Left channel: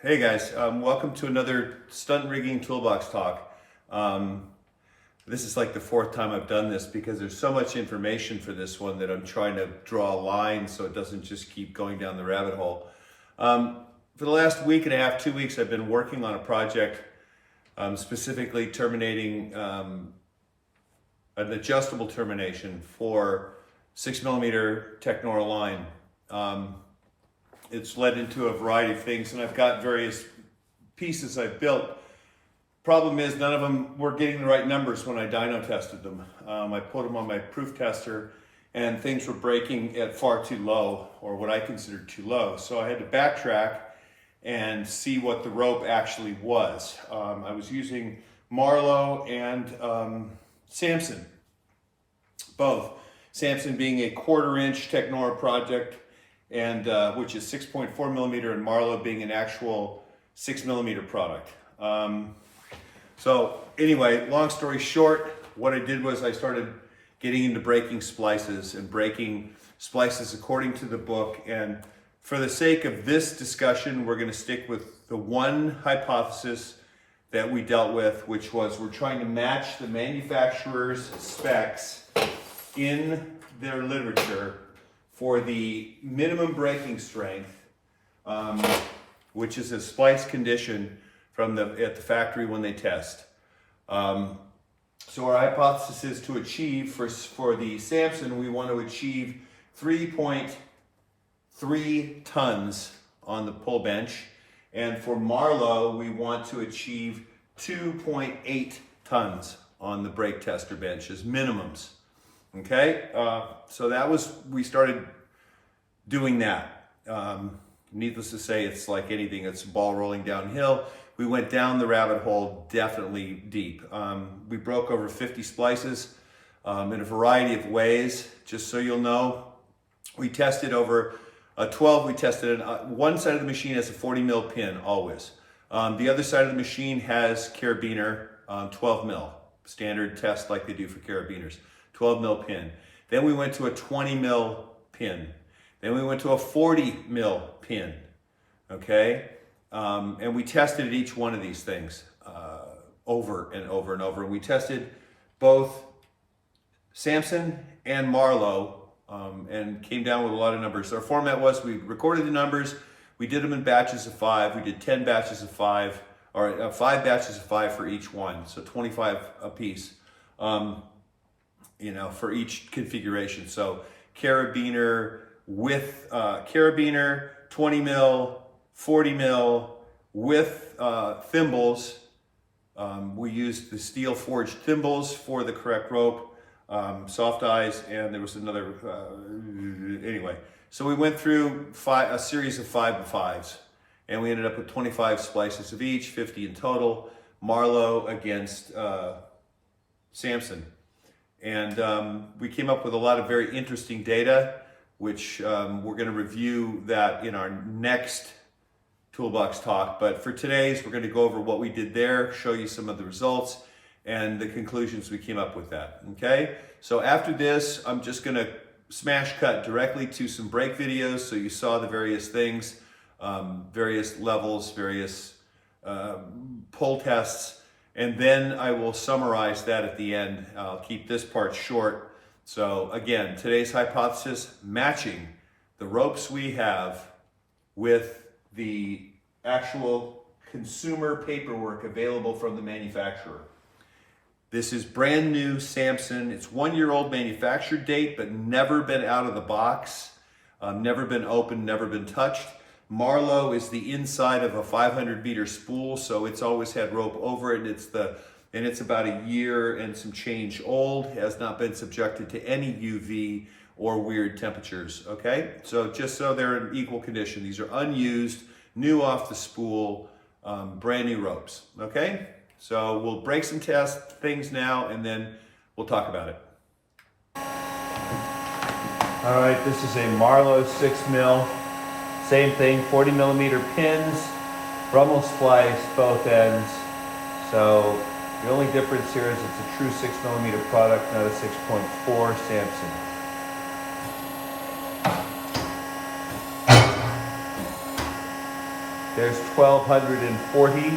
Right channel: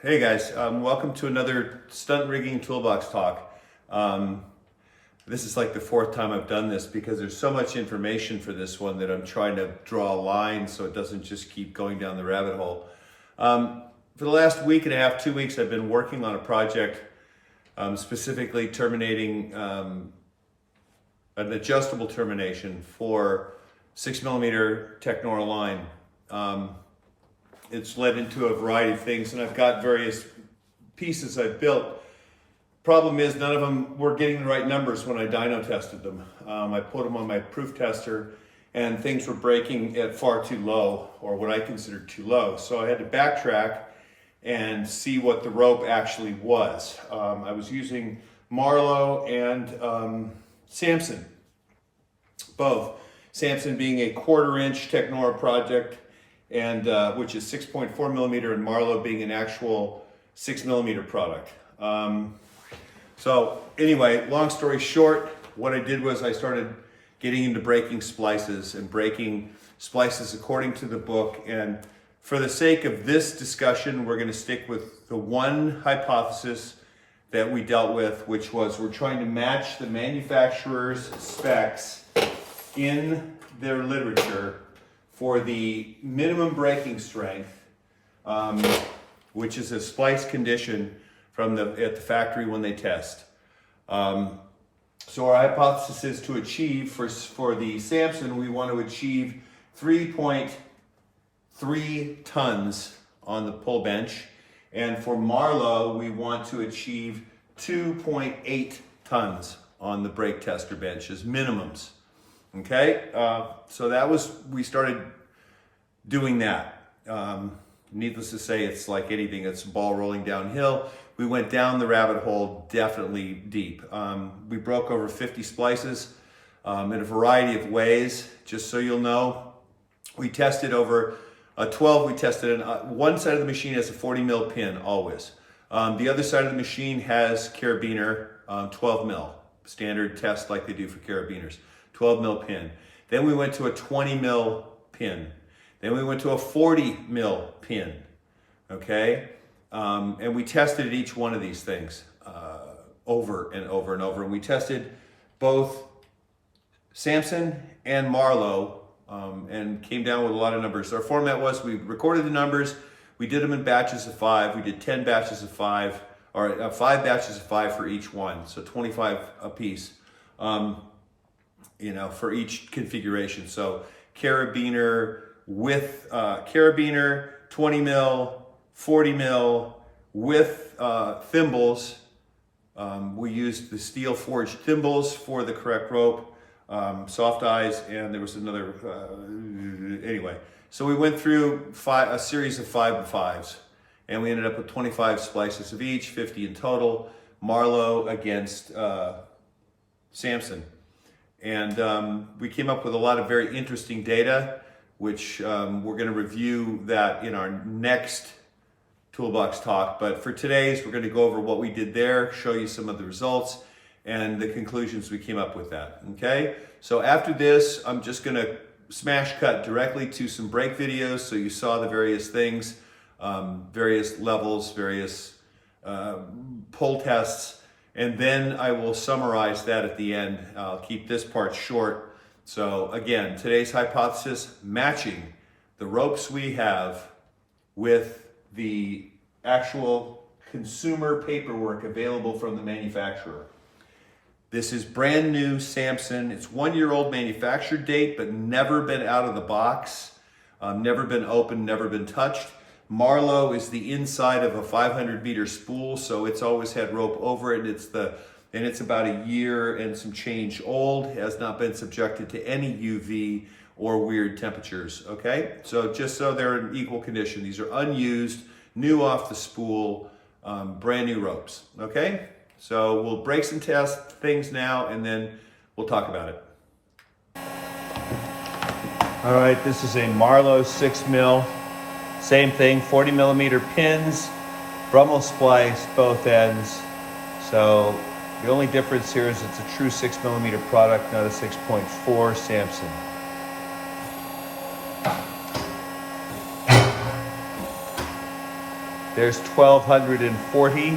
Hey guys, welcome to another stunt rigging toolbox talk. This is like the fourth time I've done this because there's so much information for this one that I'm trying to draw a line so it doesn't just keep going down the rabbit hole. For the last week and a half, 2 weeks, I've been working on a project specifically terminating an adjustable termination for 6mm technora line. It's led into a variety of things, and I've got various pieces I've built. Problem is, none of them were getting the right numbers when I dyno tested them. I put them on my proof tester, and things were breaking at far too low, or what I considered too low. So I had to backtrack and see what the rope actually was. I was using Marlowe and Samson, both. Samson being a 1/4" technora project, and which is 6.4mm, and Marlowe being an actual 6mm product. So anyway, long story short, what I did was I started getting into breaking splices and breaking splices according to the book. And for the sake of this discussion, we're going to stick with the one hypothesis that we dealt with, which was we're trying to match the manufacturer's specs in their literature for the minimum breaking strength, which is a splice condition from at the factory when they test. So our hypothesis is to achieve, for the Samson, we want to achieve 3.3 tons on the pull bench. And for Marlowe, we want to achieve 2.8 tons on the brake tester bench as minimums. Okay, so that was, we started doing that. Needless to say, it's like anything, it's a ball rolling downhill. We went down the rabbit hole definitely deep. We broke over 50 splices in a variety of ways. Just so you'll know, we tested over 12, we tested one side of the machine has a 40mm pin always. The other side of the machine has carabiner 12mm, standard test like they do for carabiners. 12mm pin. Then we went to a 20mm pin. Then we went to a 40mm pin. Okay? And we tested each one of these things over and over and over. And we tested both Samson and Marlowe and came down with a lot of numbers. Our format was we recorded the numbers, we did them in batches of 5. We did 10 batches of 5, or 5 batches of 5 for each one. So 25 a piece. For each configuration. So carabiner with carabiner, 20mm, 40mm with thimbles. We used the steel forged thimbles for the correct rope, soft eyes, and there was another, anyway. So we went through a series of 5 and 5s, and we ended up with 25 splices of each, 50 in total, Marlowe against Samson. And we came up with a lot of very interesting data, which we're going to review that in our next toolbox talk. But for today's, we're going to go over what we did there, show you some of the results and the conclusions we came up with that. Okay? So after this, I'm just going to smash cut directly to some brake videos so you saw the various things, various levels, various pull tests. And then I will summarize that at the end. I'll keep this part short. So again, today's hypothesis, matching the ropes we have with the actual consumer paperwork available from the manufacturer. This is brand new Samson. It's 1-year-old manufacture date, but never been out of the box, never been opened, never been touched. Marlowe is the inside of a 500-meter spool, so it's always had rope over it, and it's about a year and some change old, has not been subjected to any UV or weird temperatures, okay? So just so they're in equal condition, these are unused, new off the spool, brand new ropes, okay? So we'll break some test things now, and then we'll talk about it. All right, this is a Marlowe 6mm. Same thing, 40mm pins, Brummel splice, both ends. So the only difference here is it's a true 6mm product, not a 6.4 Samson. There's 1240.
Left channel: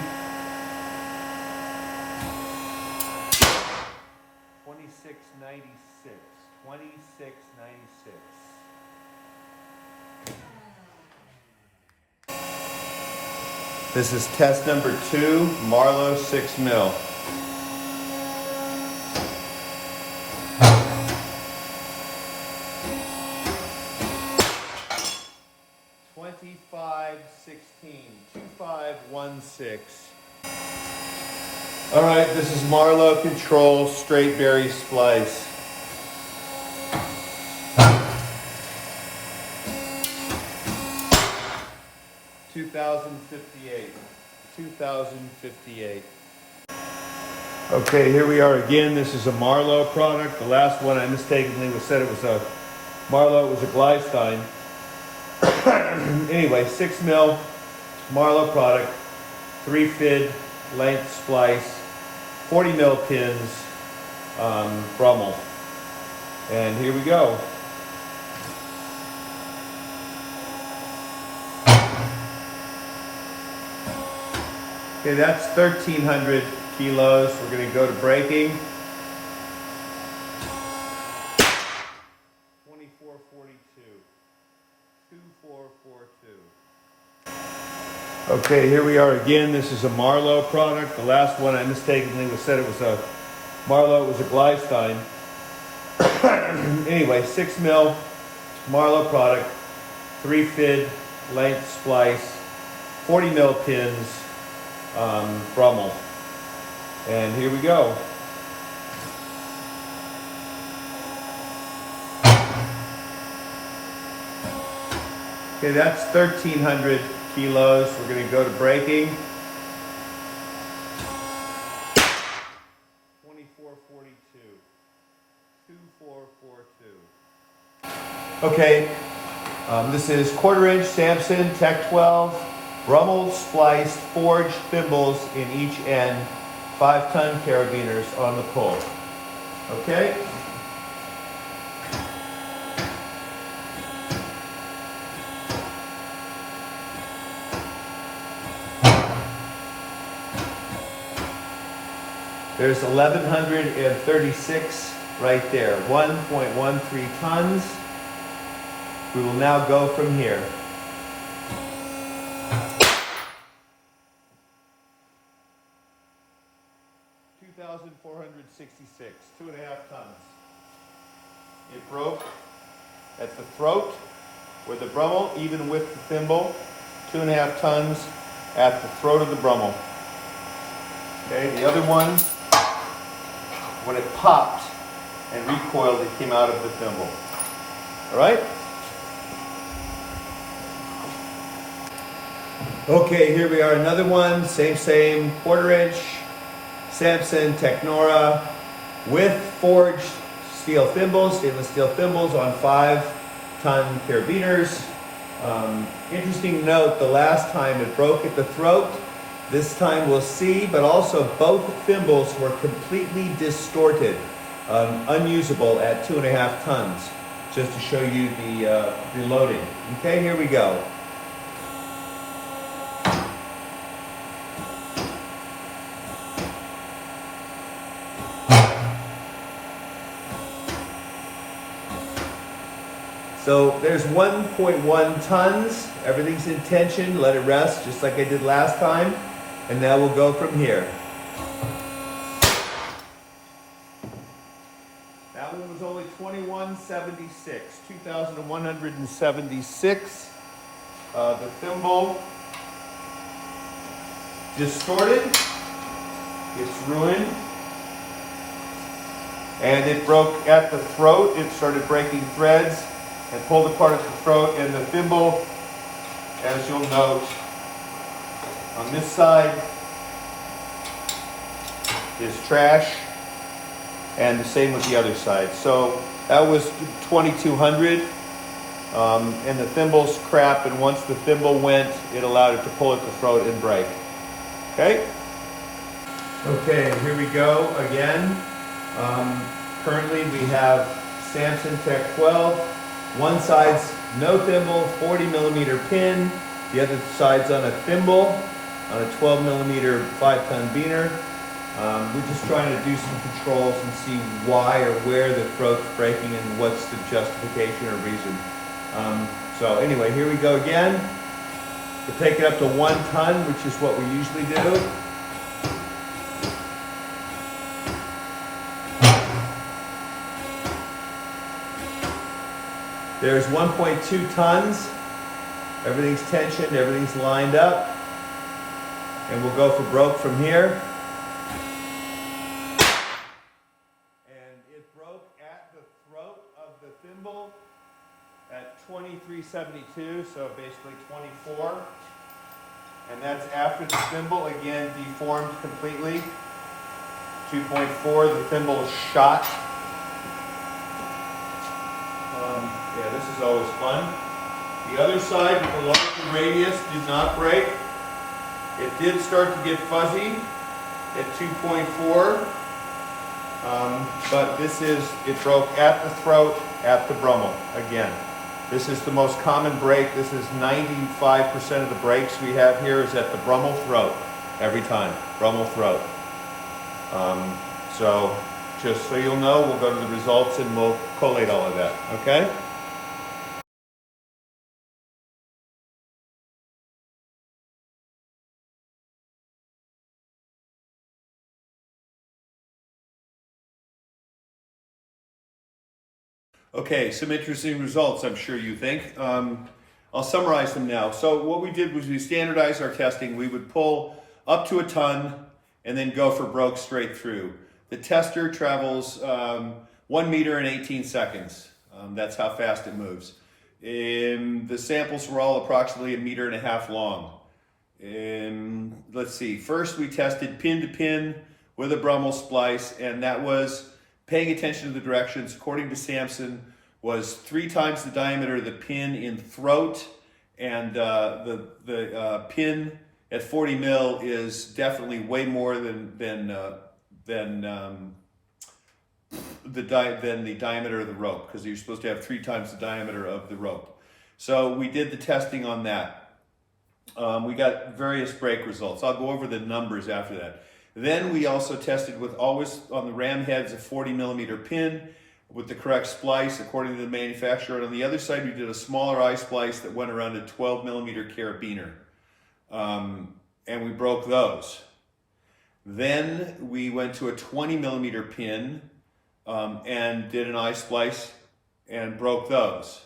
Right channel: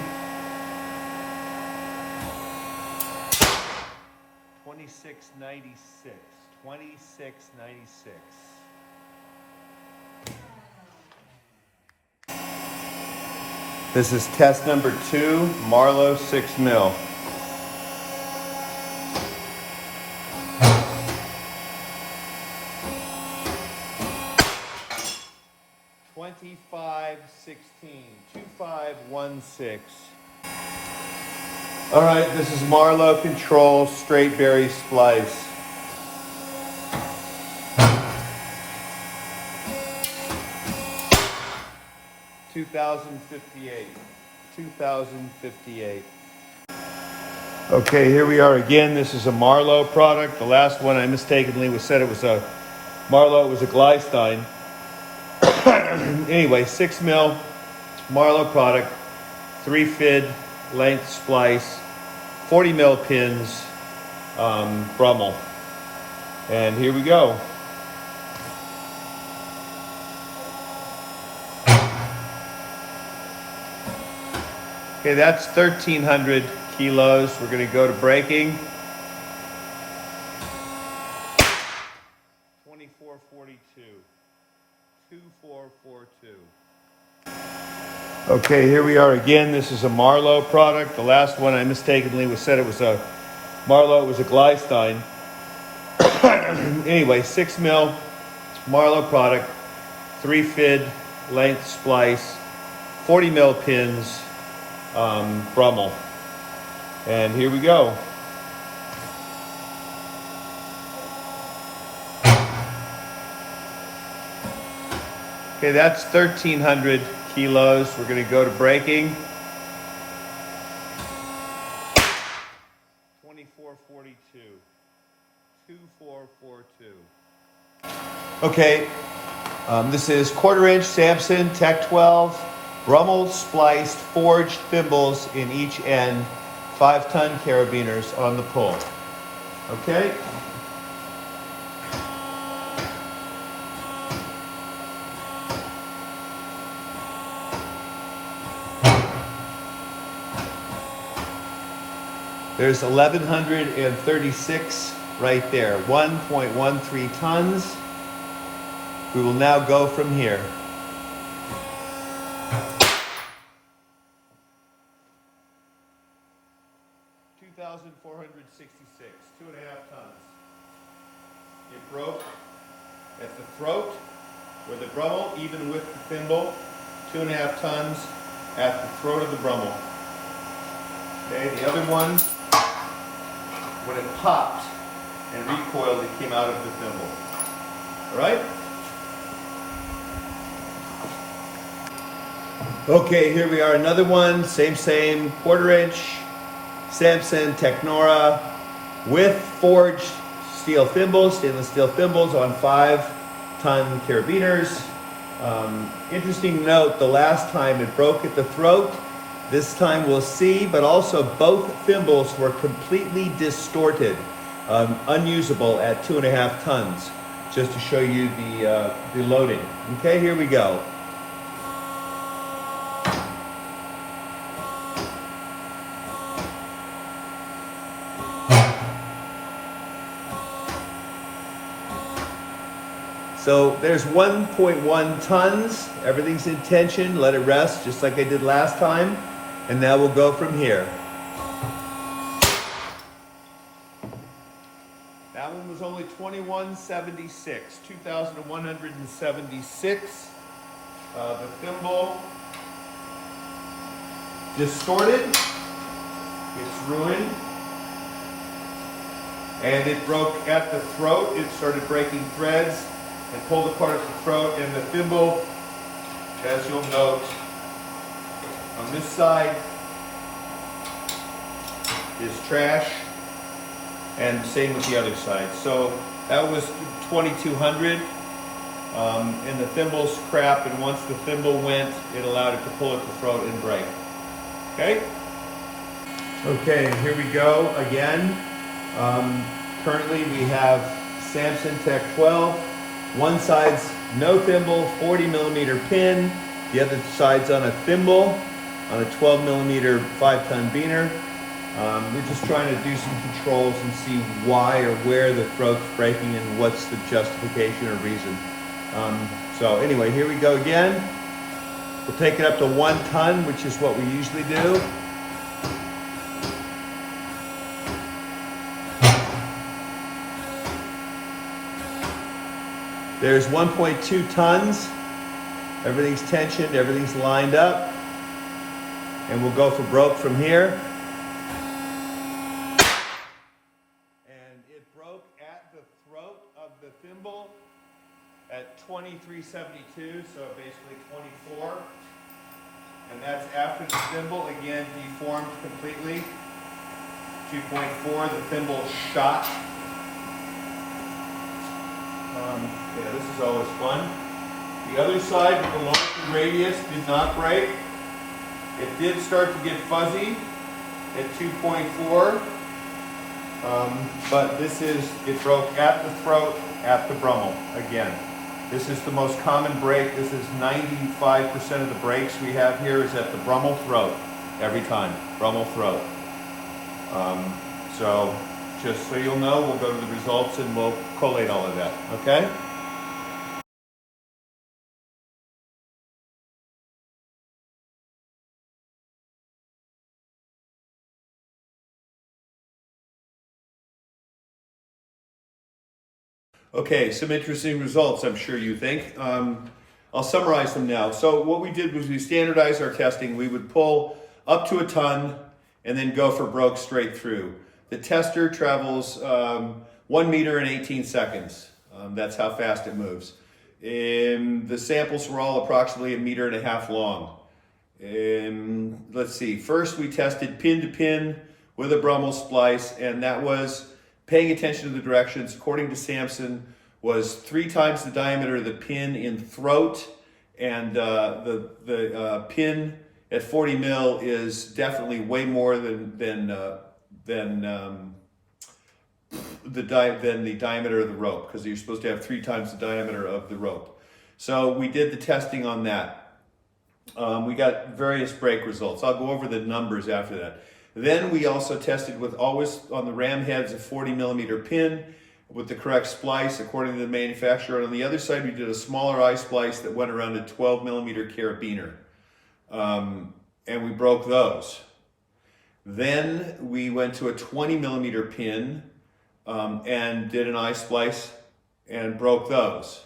2696. 2696. This is test number 2, Marlowe 6 mil. $25.16. All right, this is Marlowe Control Straight Berry Splice. $2,058. Okay, here we are again. This is a Marlowe product. The last one I mistakenly said it was a Marlowe. It was a Glystein. Anyway, 6 mil Marlowe product, 3 fid length splice, 40 mil pins, Brummel. And here we go. Okay, that's 1,300 kilos. We're going to go to breaking. 2442. 2442. Okay, here we are again. This is a Marlowe product. The last one I mistakenly said it was a Marlowe. It was a Glystein. Anyway, 6 mil Marlowe product, 3 fid length splice, 40 mil pins, Brummel. And here we go. Okay, that's 1,300 kilos. We're going to go to breaking. 2442. 2442. Okay, this is 1/4 inch Samson Tech 12, Brummel spliced forged thimbles in each end, 5-ton carabiners on the pull. Okay. There's 1,136 right there, 1.13 tons. We will now go from here. $2,466, 2.5 tons. It broke at the throat with the Brummel, even with the thimble, 2.5 tons at the throat of the Brummel. Okay, the other one, when it popped and recoiled, it came out of the thimble. All right? Okay, here we are, another one, same, 1/4 inch, Samson Technora with forged steel thimbles, stainless steel thimbles on 5-ton carabiners. Interesting note, the last time it broke at the throat. This time we'll see, but also both thimbles were completely distorted, unusable at 2.5 tons, just to show you the loading. Okay, here we go. So there's 1.1 tons. Everything's in tension. Let it rest, just like I did last time. And now we'll go from here. That one was only 2176, 2,176. The thimble distorted. It's ruined. And it broke at the throat. It started breaking threads and pulled apart at the throat. And the thimble, as you'll note, on this side is trash, and the same with the other side. So that was 2,200, and the thimble's crap, and once the thimble went, it allowed it to pull at the throat and break. Okay? Okay, here we go again. Currently we have Samson Tech 12. One side's no thimble, 40 millimeter pin, The other side's on a thimble, on a 12 millimeter 5-ton beaner. We're just trying to do some controls and see why or where the throat's breaking and what's the justification or reason. So anyway, here we go again. We'll take it up to 1 ton, which is what we usually do. There's 1.2 tons. Everything's tensioned, everything's lined up. And we'll go for broke from here. And it broke at the throat of the thimble at 2372, so basically 24. And that's after the thimble, again, deformed completely. 2.4, the thimble is shot. Yeah, this is always fun. The other side with the larger radius did not break. It did start to get fuzzy at 2.4. But it broke at the throat, at the Brummel, again. This is the most common break. This is 95% of the breaks we have here is at the Brummel throat, every time, Brummel throat. So just so you'll know, we'll go to the results and we'll collate all of that, okay? Okay, some interesting results, I'm sure you think. I'll summarize them now. So what we did was we standardized our testing. We would pull up to 1 ton and then go for broke straight through. The tester travels 1 meter in 18 seconds. That's how fast it moves. The samples were all approximately 1.5 meters long. Let's see, first we tested pin to pin with a Brummel splice, and that was paying attention to the directions, according to Samson, was 3 times the diameter of the pin in throat, and the pin at 40 mil is definitely way more than the diameter of the rope, because you're supposed to have 3 times the diameter of the rope. So we did the testing on that. We got various break results. I'll go over the numbers after that. Then we also tested with always on the ram heads a 40 millimeter pin with the correct splice according to the manufacturer. And on the other side, we did a smaller eye splice that went around a 12 millimeter carabiner. And we broke those. Then we went to a 20 millimeter pin and did an eye splice and broke those.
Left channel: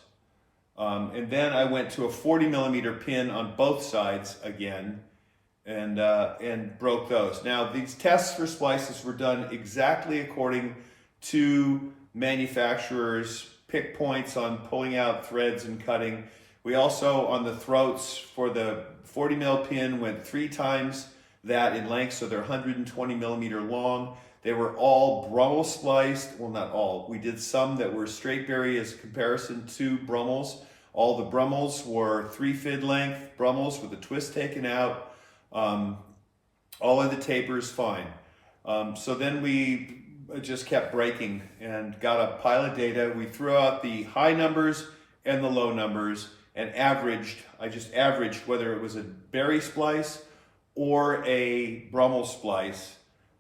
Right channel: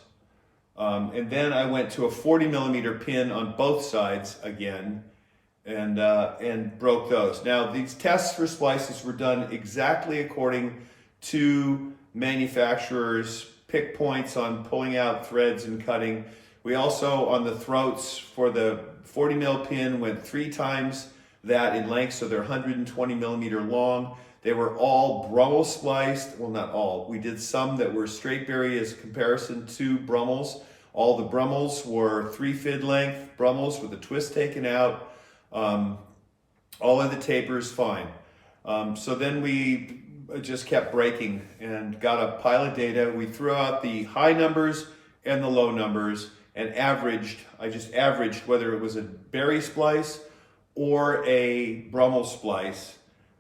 And then I went to a 40 millimeter pin on both sides again and broke those. Now, these tests for splices were done exactly according to manufacturers' pick points on pulling out threads and cutting. We also, on the throats for the 40 mil pin, went 3 times that in length, so they're 120 millimeter long. They were all Brummel spliced. Well, not all. We did some that were straight berry as a comparison to Brummels. All the Brummels were 3 fid length Brummels with a twist taken out. All of the tapers fine. So then we just kept breaking and got a pile of data. We threw out the high numbers and the low numbers and averaged. I just averaged whether it was a berry splice or a Brummel splice,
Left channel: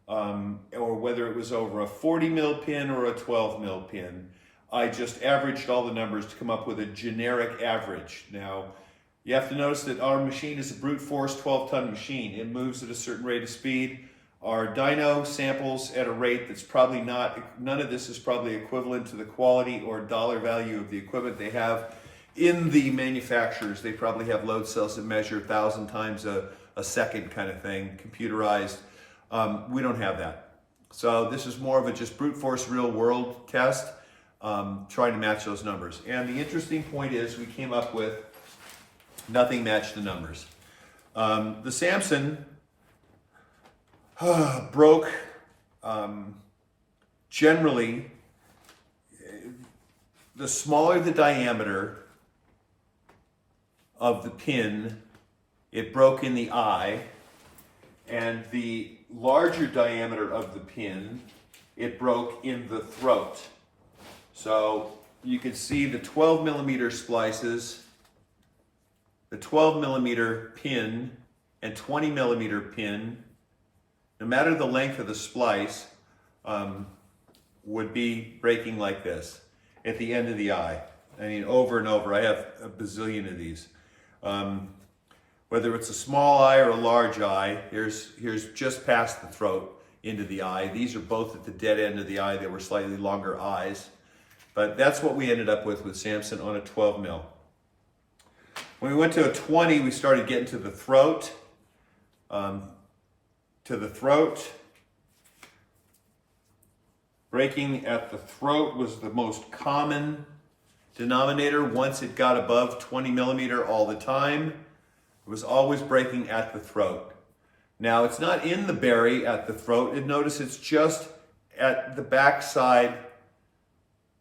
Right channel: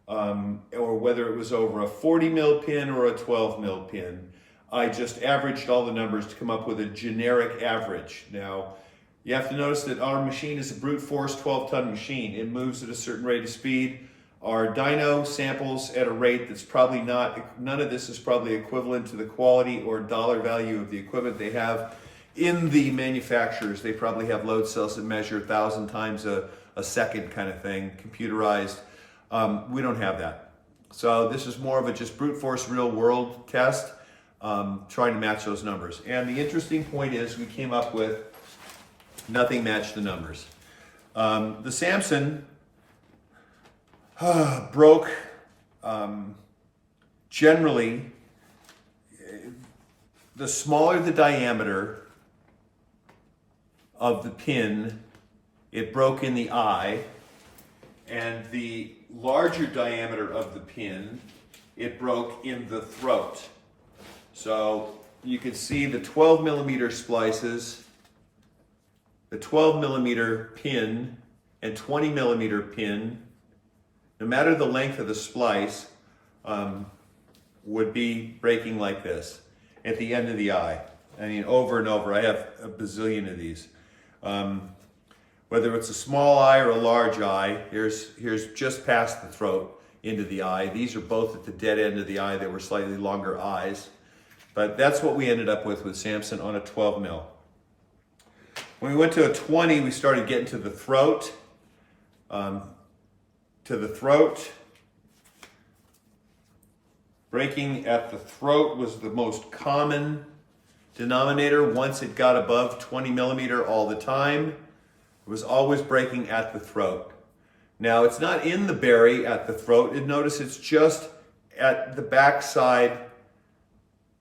or whether it was over a 40 mil pin or a 12 mil pin. I just averaged all the numbers to come up with a generic average. Now, you have to notice that our machine is a brute force 12-ton machine. It moves at a certain rate of speed. Our dyno samples at a rate that's probably none of this is probably equivalent to the quality or dollar value of the equipment they have in the manufacturers. They probably have load cells that measure 1,000 times a second kind of thing, computerized. We don't have that. So this is more of a just brute force real world test, trying to match those numbers. And the interesting point is we came up with nothing matched the numbers. The Samson broke generally, the smaller the diameter of the pin, it broke in the eye, and the larger diameter of the pin, it broke in the throat. So you can see the 12 millimeter splices the 12 millimeter pin and 20 millimeter pin, no matter the length of the splice, would be breaking like this at the end of the eye. I mean, over and over. I have a bazillion of these. Whether it's a small eye or a large eye, here's just past the throat into the eye. These are both at the dead end of the eye. They were slightly longer eyes. But that's what we ended up with Samson on a 12 mil. When we went to a 20, we started getting to the throat. Breaking at the throat was the most common denominator. Once it got above 20 millimeter all the time, it was always breaking at the throat. Now, it's not in the berry at the throat. Notice it's just at the back side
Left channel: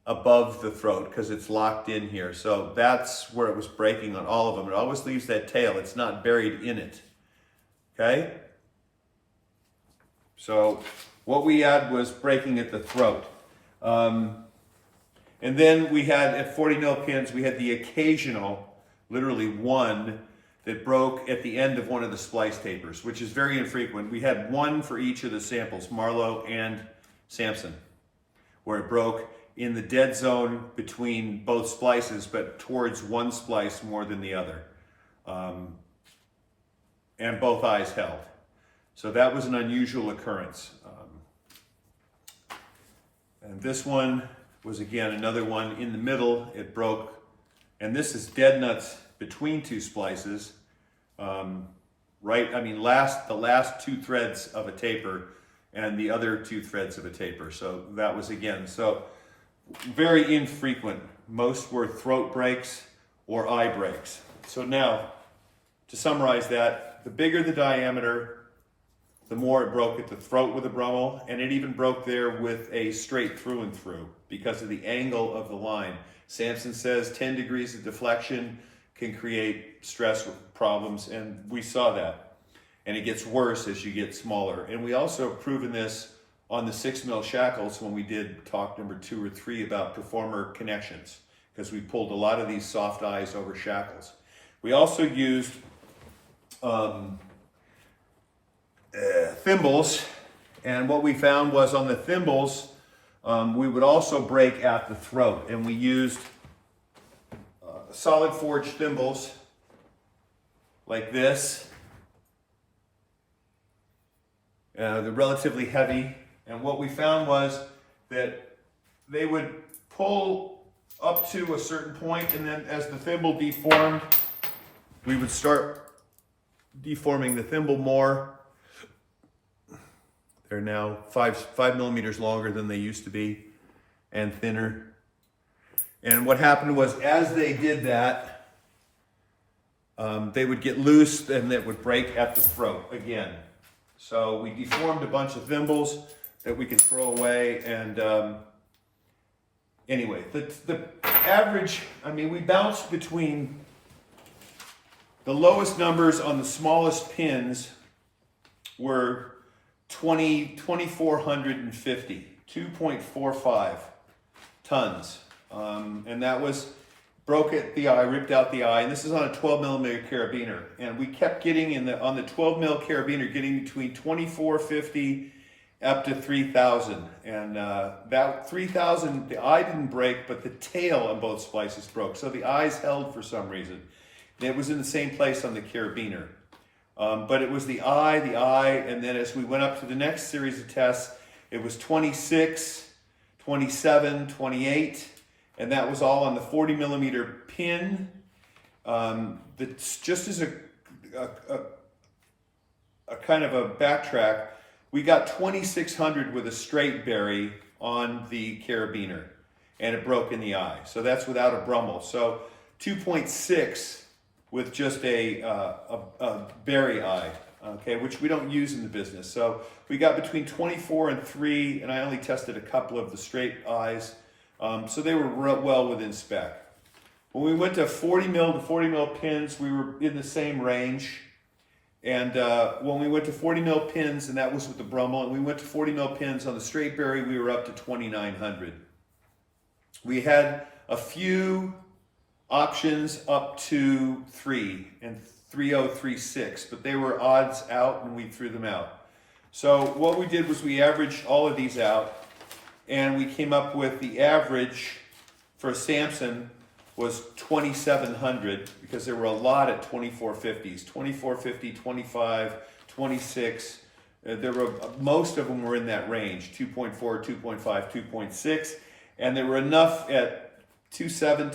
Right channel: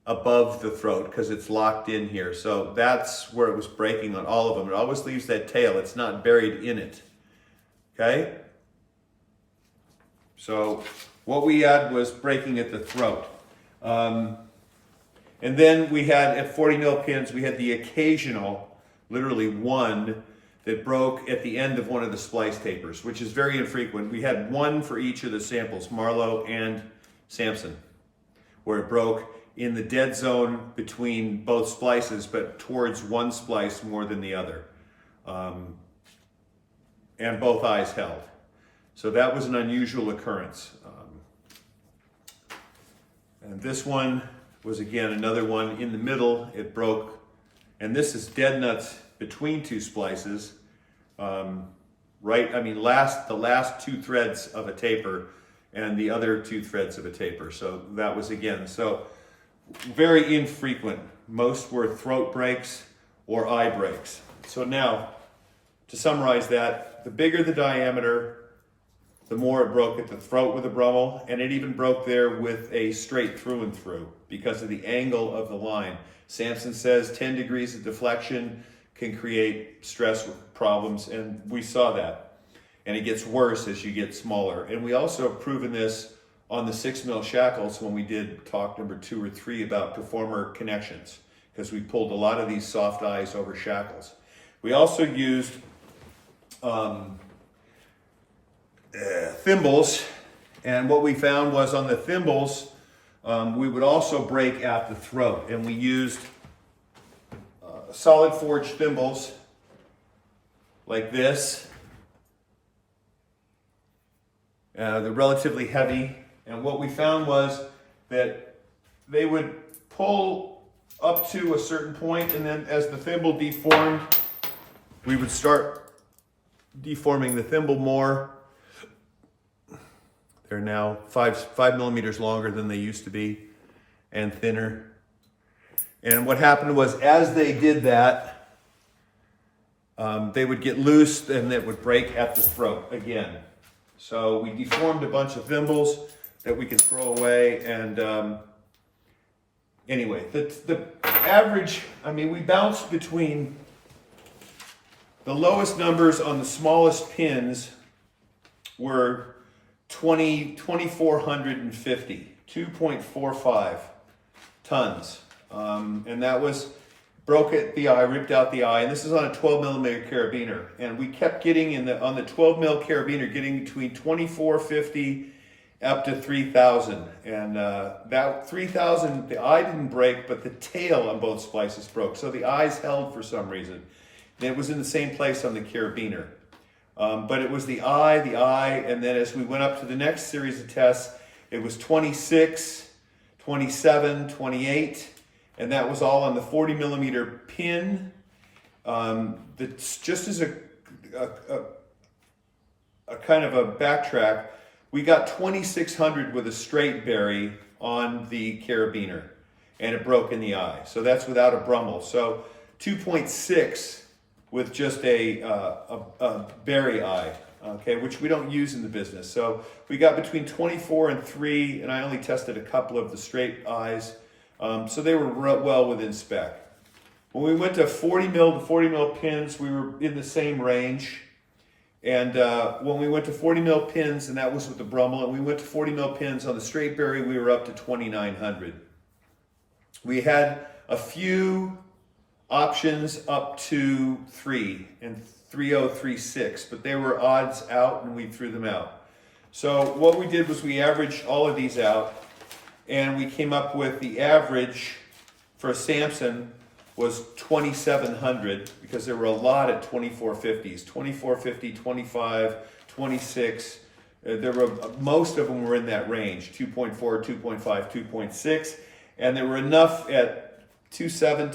above the throat because it's locked in here. So that's where it was breaking on all of them. It always leaves that tail. It's not buried in it. Okay? So what we had was breaking at the throat. And then we had, at 40 mil pins, we had the occasional, literally one, that broke at the end of one of the splice tapers, which is very infrequent. We had one for each of the samples, Marlowe and Samson, where it broke in the dead zone between both splices, but towards one splice more than the other. And both eyes held. So that was an unusual occurrence. And this one was, again, another one in the middle. It broke, and this is dead nuts between two splices, right? I mean, the last two threads of a taper and the other two threads of a taper. So that was, again, so very infrequent. Most were throat breaks or eye breaks. So now, to summarize that, the bigger the diameter, the more it broke at the throat with a Brummel, and it even broke there with a straight through and through because of the angle of the line. Samson says 10 degrees of deflection can create stress problems, and we saw that. And it gets worse as you get smaller. And we also have proven this on the 6 mil shackles when we did talk number 2 or 3 about performer connections, because we pulled a lot of these soft eyes over shackles. We also used thimbles, and what we found was on the thimbles, we would also break at the throat, and we used solid forged thimbles like this. They're relatively heavy, and what we found was that they would pull up to a certain point, and then as the thimble deformed, we would start deforming the thimble more. They're now 5 millimeters longer than they used to be and thinner. And what happened was, as they did that, they would get loose and it would break at the throat again. So we deformed a bunch of thimbles that we could throw away. And anyway, the average, I mean, we bounced between the lowest numbers on the smallest pins were 2,450, 2.45 tons. And that was, broke at the eye, ripped out the eye. And this is on a 12 millimeter carabiner. And we kept getting on the 12 mil carabiner, getting between 2,450 up to 3,000. And that 3,000, the eye didn't break, but the tail on both splices broke. So the eyes held for some reason. And it was in the same place on the carabiner. But it was the eye, and then as we went up to the next series of tests, it was 26, 27, 28, and that was all on the 40 millimeter pin. That's just as a kind of a backtrack, we got 2,600 with a straight berry on the carabiner, and it broke in the eye. So that's without a Brummel. So 2.6 with just a berry eye, okay, which we don't use in the business. So we got between 24 and 3, and I only tested a couple of the straight eyes, so they were well within spec. When we went to 40 mil pins, we were in the same range. And when we went to 40 mil pins, and that was with the Brummel, and we went to 40 mil pins on the straight berry, we were up to 2,900. We had a few options up to 3 and 3036, but they were odds out and we threw them out. So what we did was we averaged all of these out and we came up with the average for a Samson was 2,700 because there were a lot at 2450s, 2450, 25, 26. Most of them were in that range, 2.4, 2.5, 2.6, and there were enough at 2.7,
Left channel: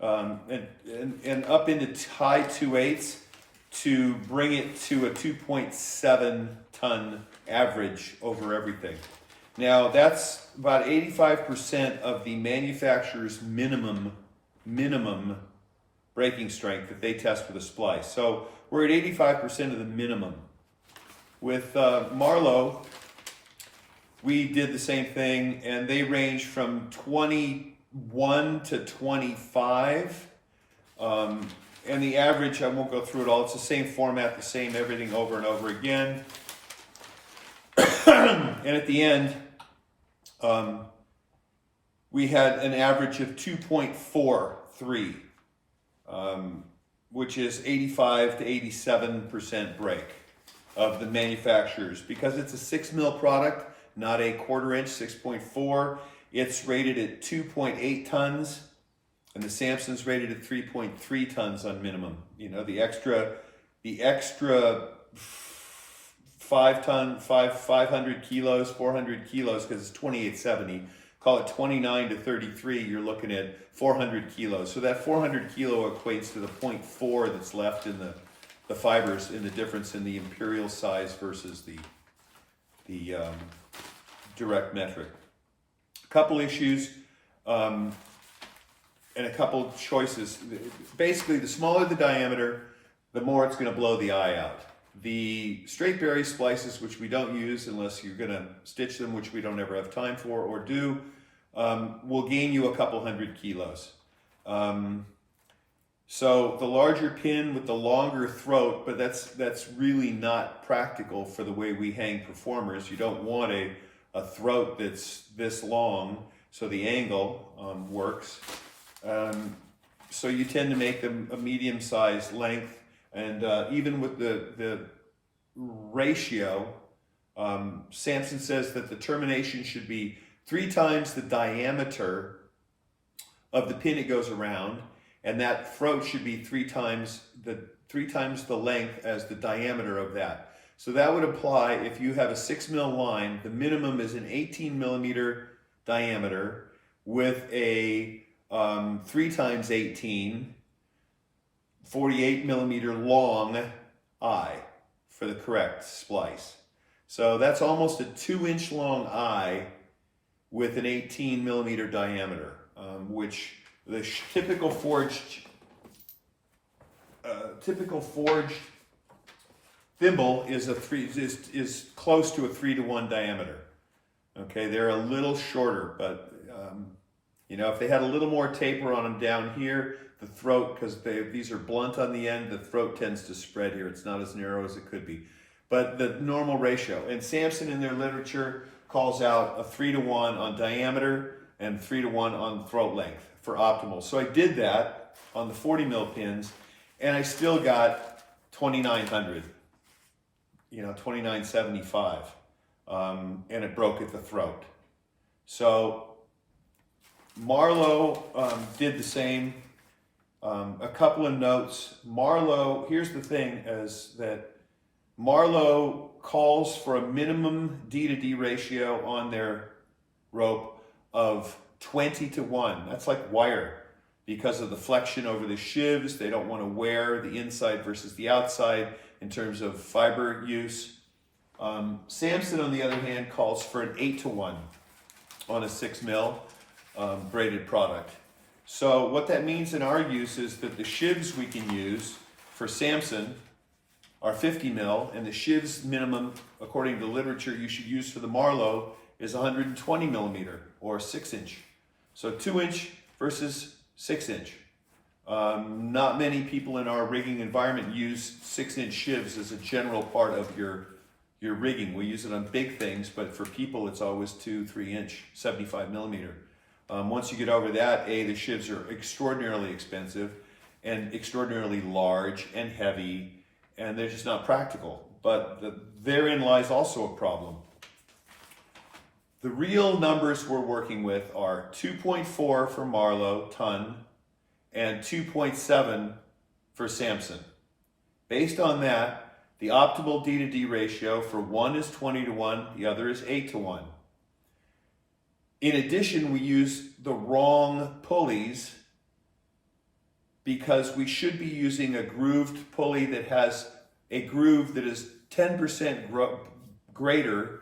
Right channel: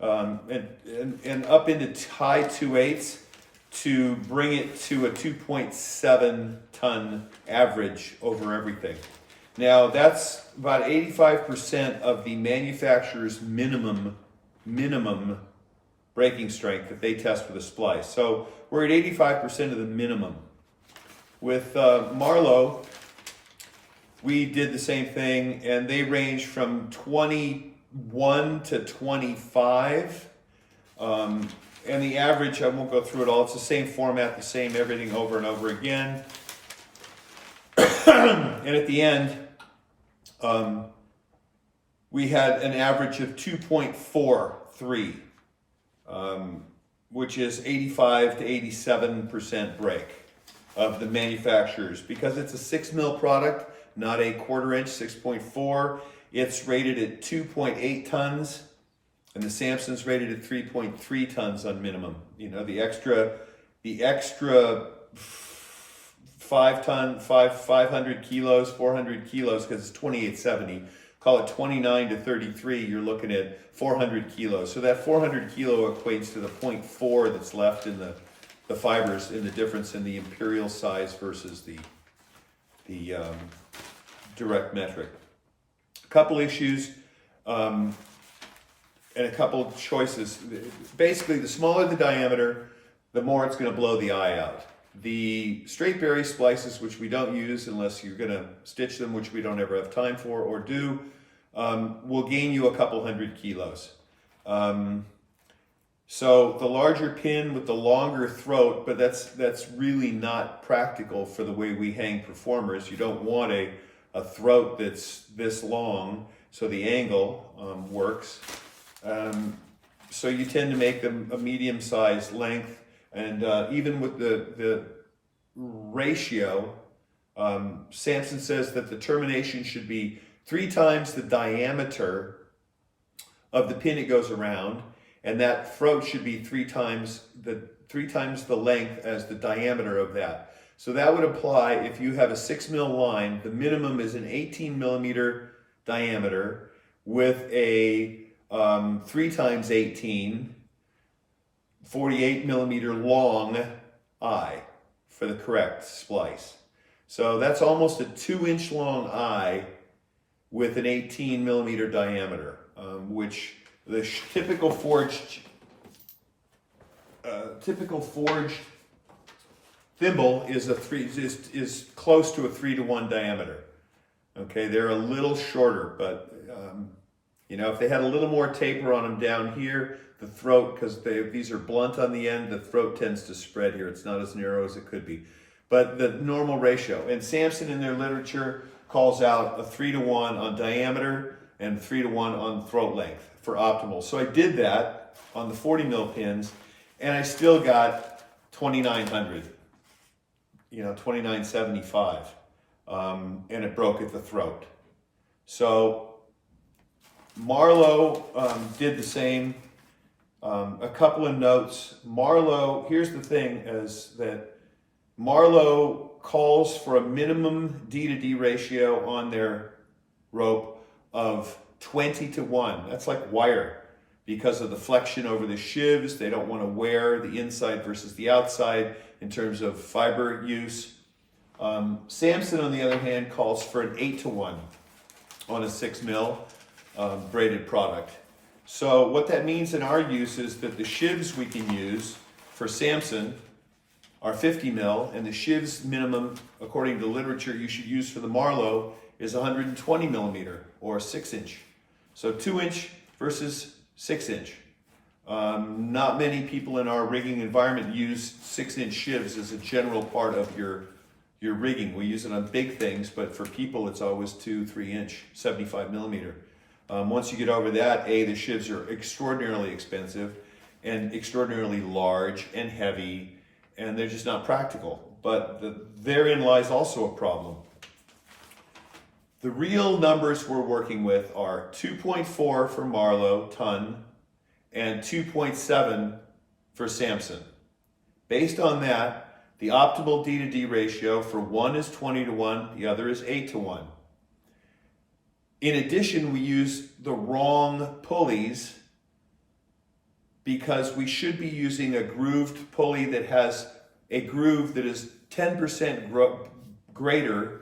2.8, and up into high 2.8s to bring it to a 2.7 ton average over everything. Now that's about 85% of the manufacturer's minimum breaking strength that they test with a splice. So we're at 85% of the minimum. With Marlowe, we did the same thing, and they range from 21 to 25. And the average, I won't go through it all, it's the same format, the same everything over and over again. And at the end, we had an average of 2.43, which is 85 to 87% break of the manufacturers. Because it's a 6 mil product, not a 1/4 inch, 6.4, it's rated at 2.8 tons, and the Samson's rated at 3.3 tons on minimum. You know, the extra 500 kilos, 400 kilos, because it's 2870, call it 29 to 33, you're looking at 400 kilos. So that 400 kilo equates to the 0.4 that's left in the fibers, in the difference in the imperial size versus the direct metric. A couple issues and a couple choices. Basically, the smaller the diameter, the more it's going to blow the eye out. The straight berry splices, which we don't use unless you're going to stitch them, which we don't ever have time for or do, will gain you a couple hundred kilos. So the larger pin with the longer throat, but that's really not practical for the way we hang performers. You don't want a throat that's this long, so the angle works. So you tend to make them a medium-sized length, and even with the ratio, Samson says that the termination should be 3 times the diameter of the pin it goes around, and that throat should be 3 times the length as the diameter of that. So that would apply if you have a 6 mil line, the minimum is an 18 millimeter diameter with a 3 times 18, 48 millimeter long eye for the correct splice. So that's almost a 2-inch long eye with an 18 millimeter diameter, which the typical forged thimble is is close to a 3-to-1 diameter. Okay, they're a little shorter, but you know, if they had a little more taper on them down here, the throat, because these are blunt on the end, the throat tends to spread here. It's not as narrow as it could be. But the normal ratio, and Samson in their literature calls out a 3-to-1 on diameter and 3-to-1 on throat length for optimal. So I did that on the 40 mil pins, and I still got 2,900, you know, 2,975, and it broke at the throat. So Marlowe did the same. A couple of notes. Marlowe, here's the thing, is that Marlowe calls for a minimum D to D ratio on their rope of 20-to-1. That's like wire, because of the flexion over the shivs. They don't want to wear the inside versus the outside in terms of fiber use. Samson, on the other hand, calls for an 8-to-1 on a 6 mil braided product. So what that means in our use is that the shivs we can use for Samson are 50 mil, and the shivs minimum, according to literature, you should use for the Marlowe is 120 millimeter or 6-inch. So 2-inch versus 6-inch. Not many people in our rigging environment use 6-inch shivs as a general part of your rigging. We use it on big things, but for people it's always 2-3-inch, 75 millimeter. Once you get over that, the shivs are extraordinarily expensive and extraordinarily large and heavy, and they're just not practical. But therein lies also a problem. The real numbers we're working with are 2.4 for Marlowe, ton, and 2.7 for Samson. Based on that, the optimal D to D ratio for one is 20 to 1, the other is 8 to 1. In addition, we use the wrong pulleys because we should be using a grooved pulley that has a groove that is 10% greater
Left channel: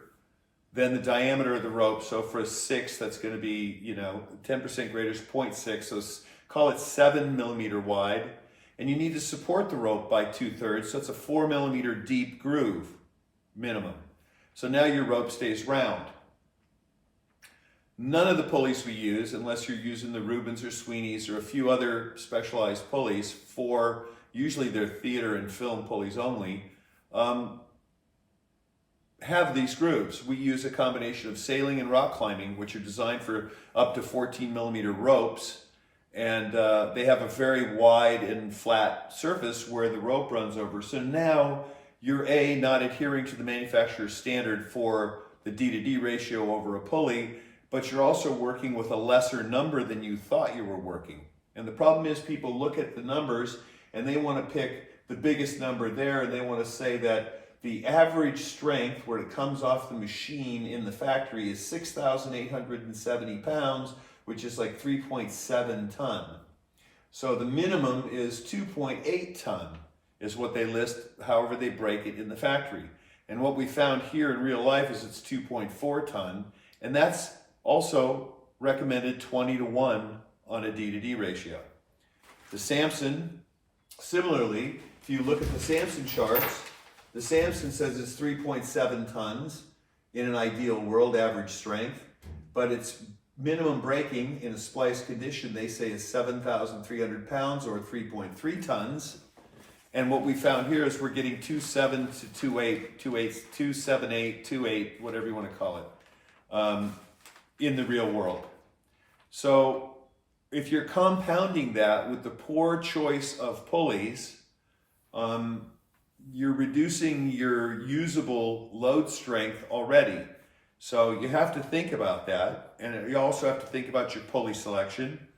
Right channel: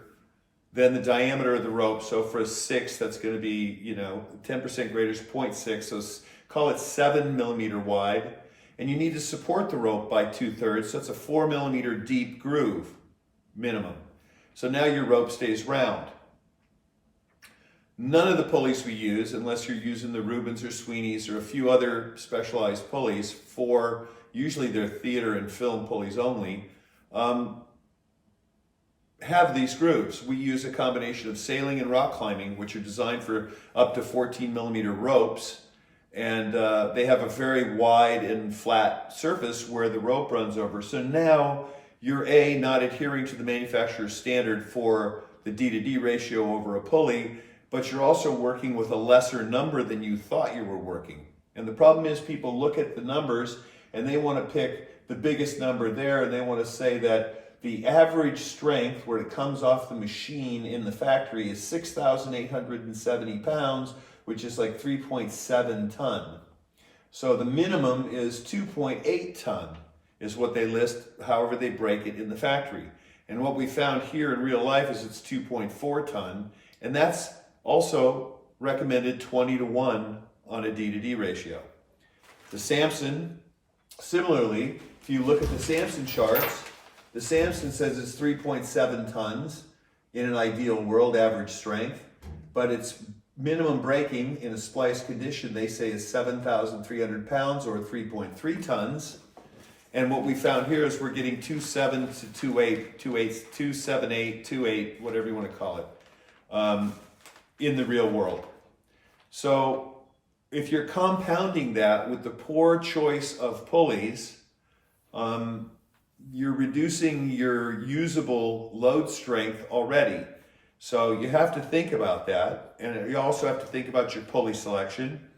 than the diameter of the rope. So for a 6, that's going to be, 10% greater is 0.6. So call it 7 millimeter wide. And you need to support the rope by 2/3. So it's a 4 millimeter deep groove minimum. So now your rope stays round. None of the pulleys we use, unless you're using the Rubens or Sweeney's or a few other specialized pulleys for, usually they're theater and film pulleys only, have these grooves. We use a combination of sailing and rock climbing, which are designed for up to 14 millimeter ropes. And they have a very wide and flat surface where the rope runs over. So now you're not adhering to the manufacturer's standard for the D to D ratio over a pulley, but you're also working with a lesser number than you thought you were working. And the problem is people look at the numbers and they want to pick the biggest number there, and they want to say that the average strength where it comes off the machine in the factory is 6,870 pounds, which is like 3.7 ton. So the minimum is 2.8 ton is what they list, however they break it in the factory. And what we found here in real life is it's 2.4 ton, and that's also recommended 20 to 1 on a D to D ratio. The Samson, similarly, if you look at the Samson charts, the Samson says it's 3.7 tons in an ideal world, average strength, but its minimum breaking in a splice condition, they say, is 7,300 pounds or 3.3 tons. And what we found here is we're getting 2.7 to 2.8, 2.78, 2.8, whatever you want to call it, in the real world. So if you're compounding that with the poor choice of pulleys, you're reducing your usable load strength already. So you have to think about that. And you also have to think about your pulley selection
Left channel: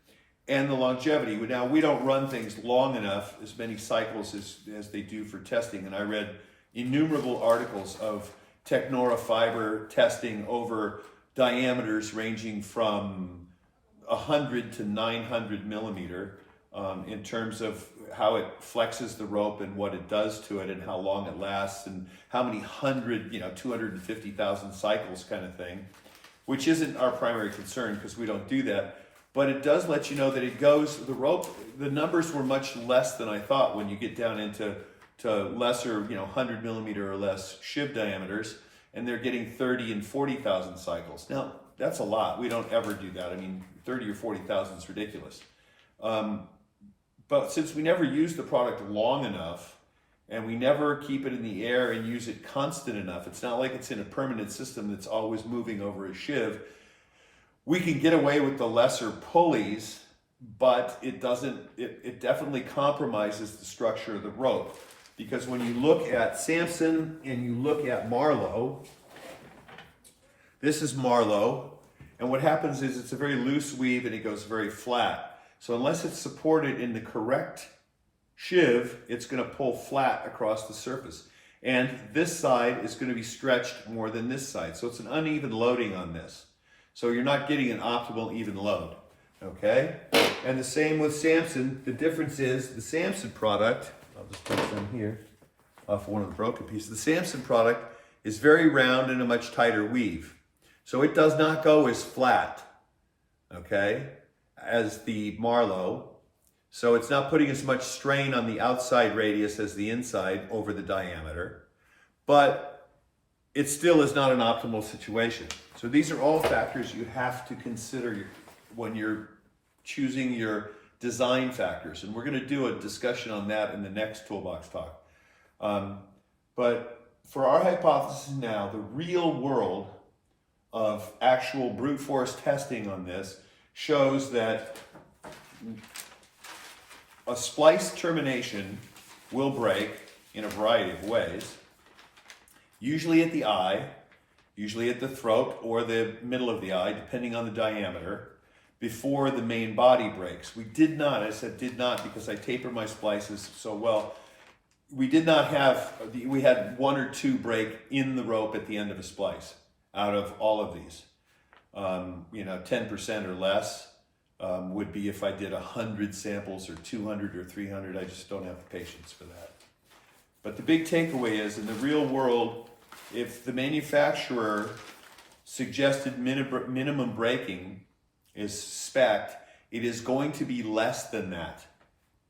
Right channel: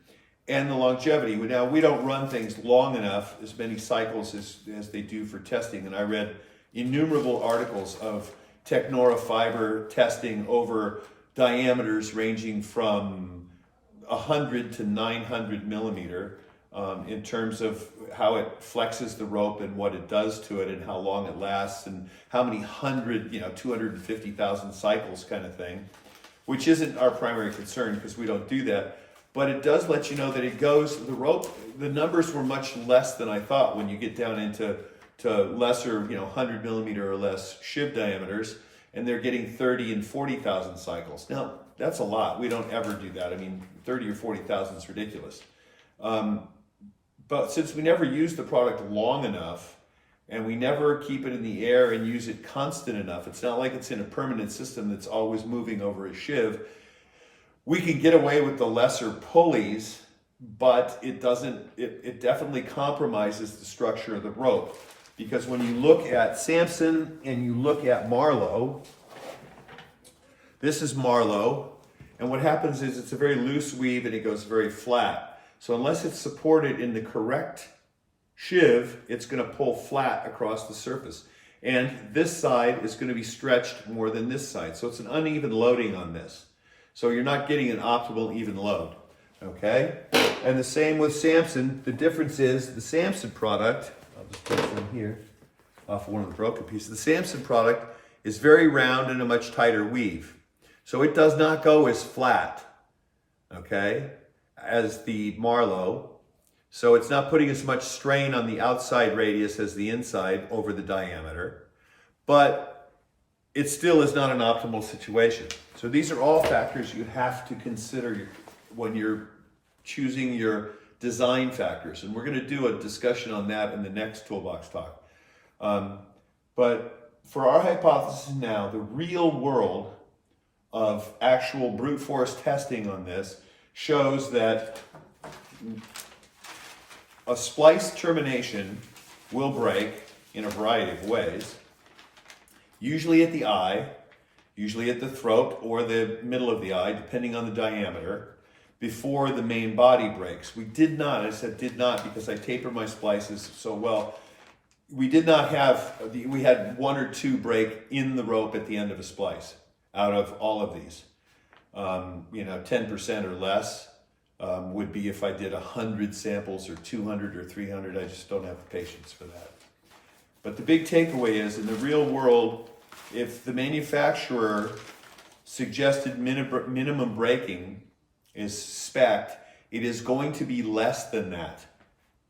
and the longevity. Now, we don't run things long enough, as many cycles as they do for testing. And I read innumerable articles of technora fiber testing over diameters ranging from 100 to 900 millimeter in terms of how it flexes the rope and what it does to it and how long it lasts and how many 250,000 cycles kind of thing, which isn't our primary concern because we don't do that. But it does let you know that it goes, the numbers were much less than I thought when you get down into lesser, 100 millimeter or less shiv diameters, and they're getting 30 and 40,000 cycles. Now, that's a lot. We don't ever do that. I mean, 30 or 40,000 is ridiculous. But since we never use the product long enough, and we never keep it in the air and use it constant enough, it's not like it's in a permanent system that's always moving over a shiv, we can get away with the lesser pulleys, but it definitely compromises the structure of the rope. Because when you look at Samson and you look at Marlowe, this is Marlowe, and what happens is it's a very loose weave and it goes very flat. So unless it's supported in the correct shiv, it's going to pull flat across the surface. And this side is going to be stretched more than this side. So it's an uneven loading on this. So you're not getting an optimal even load. Okay? And the same with Samson. The difference is the Samson product, I'll just put some here off one of the broken pieces. The Samson product is very round and a much tighter weave. So it does not go as flat, okay, as the Marlowe. So it's not putting as much strain on the outside radius as the inside over the diameter, but it still is not an optimal situation. So these are all factors you have to consider when you're choosing your design factors. And we're going to do a discussion on that in the next Toolbox talk. But for our hypothesis now, the real world of actual brute force testing on this shows that a splice termination will break in a variety of ways, usually at the eye, usually at the throat or the middle of the eye, depending on the diameter, before the main body breaks. We did not, I said did not because I taper my splices so well, we did not have, we had 1 or 2 break in the rope at the end of a splice out of all of these. 10% or less would be if I did 100 samples or 200 or 300. I just don't have the patience for that. But the big takeaway is, in the real world, if the manufacturer suggested minimum breaking is spec'd, it is going to be less than that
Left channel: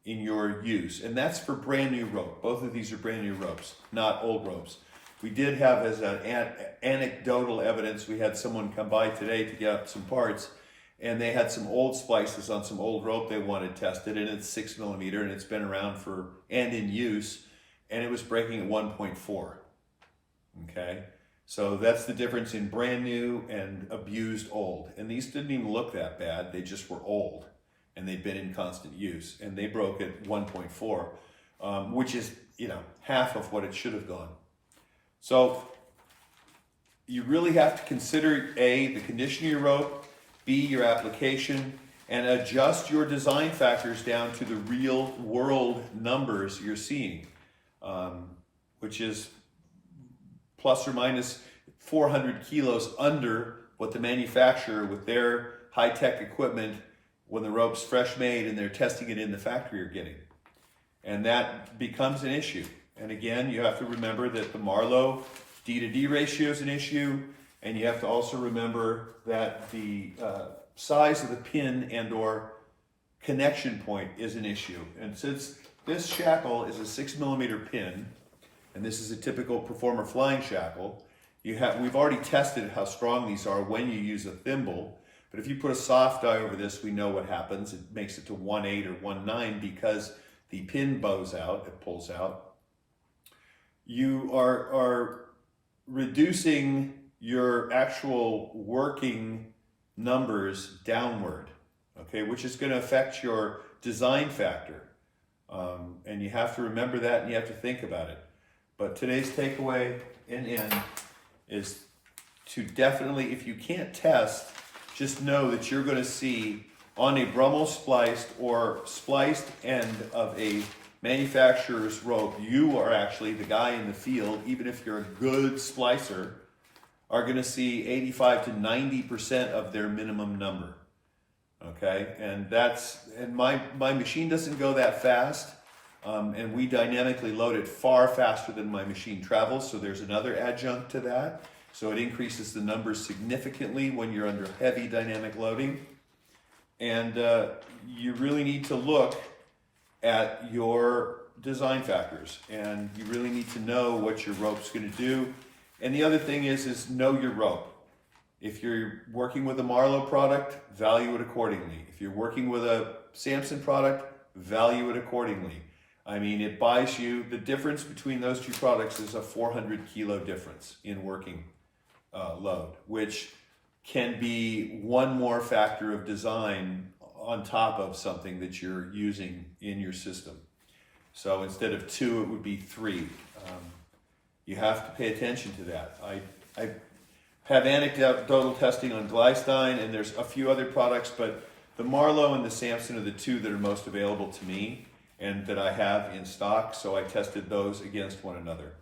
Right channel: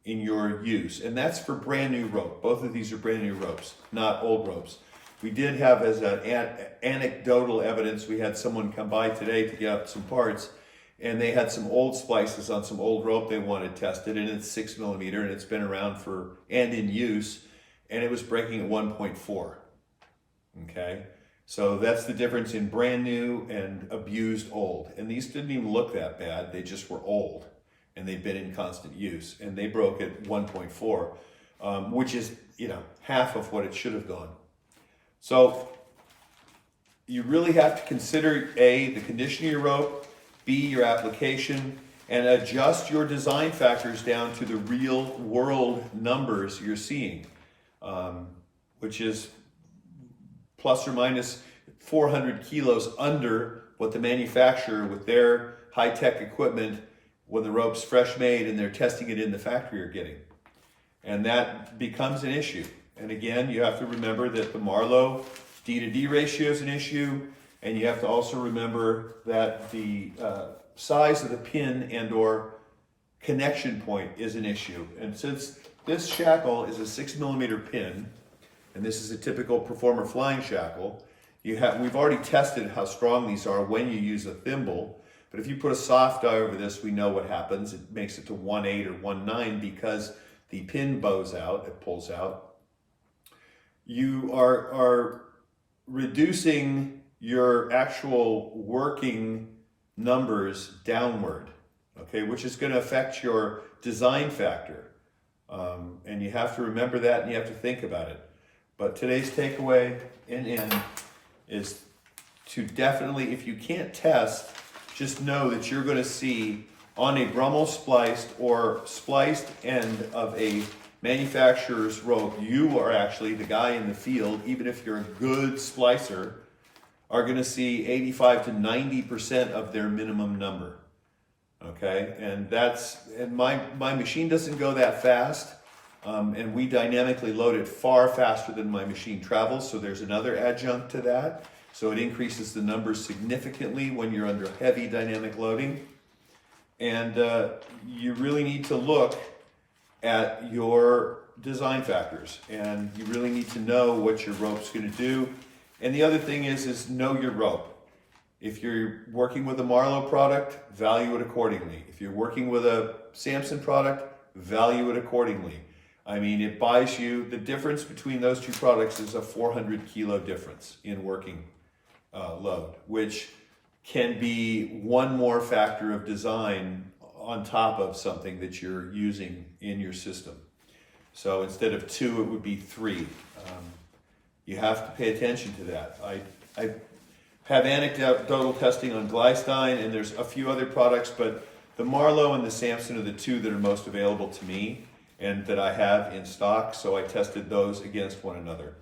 in your use. And that's for brand new rope. Both of these are brand new ropes, not old ropes. We did have, as an anecdotal evidence, we had someone come by today to get some parts, and they had some old splices on some old rope they wanted tested, and it's 6 millimeter, and it's been around and in use, and it was breaking at 1.4. Okay, so that's the difference in brand new and abused old. And these didn't even look that bad, they just were old, and they'd been in constant use, and they broke at 1.4, which is, half of what it should have gone. So you really have to consider A, the condition of your rope, B, your application, and adjust your design factors down to the real world numbers you're seeing, which is plus or minus 400 kilos under what the manufacturer with their high-tech equipment, when the rope's fresh made and they're testing it in the factory, are getting. And that becomes an issue. And again, you have to remember that the Marlowe D to D ratio is an issue, and you have to also remember that the size of the pin and or connection point is an issue. And since this shackle is a 6 millimeter pin, and this is a typical performer flying shackle, we've already tested how strong these are when you use a thimble. But if you put a soft die over this, we know what happens. It makes it to 1.8 or 1.9 because the pin bows out, it pulls out. You are reducing your actual working numbers downward, okay, which is going to affect your design factor. And you have to remember that, and you have to think about it. But today's takeaway in end is to definitely, if you can't test, just know that you're going to see on a Brummel spliced or spliced end of a manufacturer's rope, you are actually the guy in the field, even if you're a good splicer, are going to see 85 to 90% of their minimum number. Okay, and my machine doesn't go that fast, and we dynamically load it far faster than my machine travels, so there's another adjunct to that. So it increases the numbers significantly when you're under heavy dynamic loading. And you really need to look at your design factors, and you really need to know what your rope's going to do. And the other thing is know your rope. If you're working with a Marlowe product, value it accordingly. If you're working with a Samson product, value it accordingly. I mean, it buys you, the difference between those two products is a 400 kilo difference in working load, which can be one more factor of design on top of something that you're using in your system. So instead of 2, it would be 3. You have to pay attention to that. I have anecdotal testing on Glystein, and there's a few other products, but the Marlowe and the Samson are the 2 that are most available to me and that I have in stock, so I tested those against one another.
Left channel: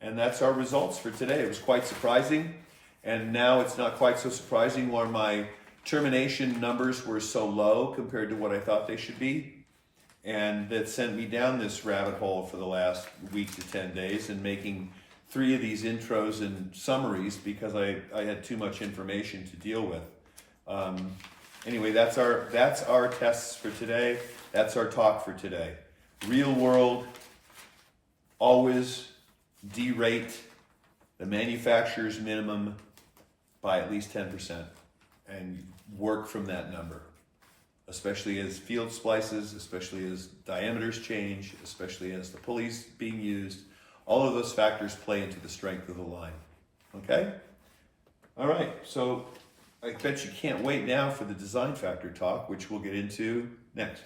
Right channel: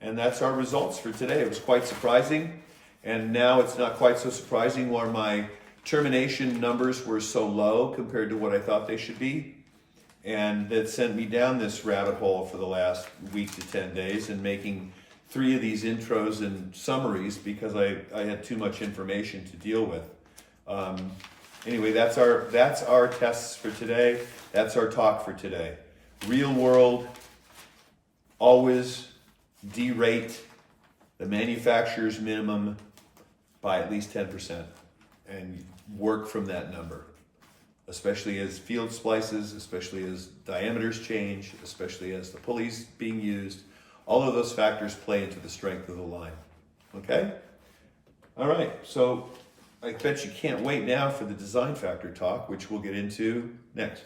And that's our results for today. It was quite surprising, and now it's not quite so surprising where my termination numbers were so low compared to what I thought they should be. And that sent me down this rabbit hole for the last week to 10 days and making 3 of these intros and summaries because I had too much information to deal with. Anyway, that's our tests for today. That's our talk for today. Real world, always derate the manufacturer's minimum by at least 10% and work from that number, especially as field splices, especially as diameters change, especially as the pulleys being used. All of those factors play into the strength of the line. Okay? All right, so I bet you can't wait now for the design factor talk, which we'll get into next.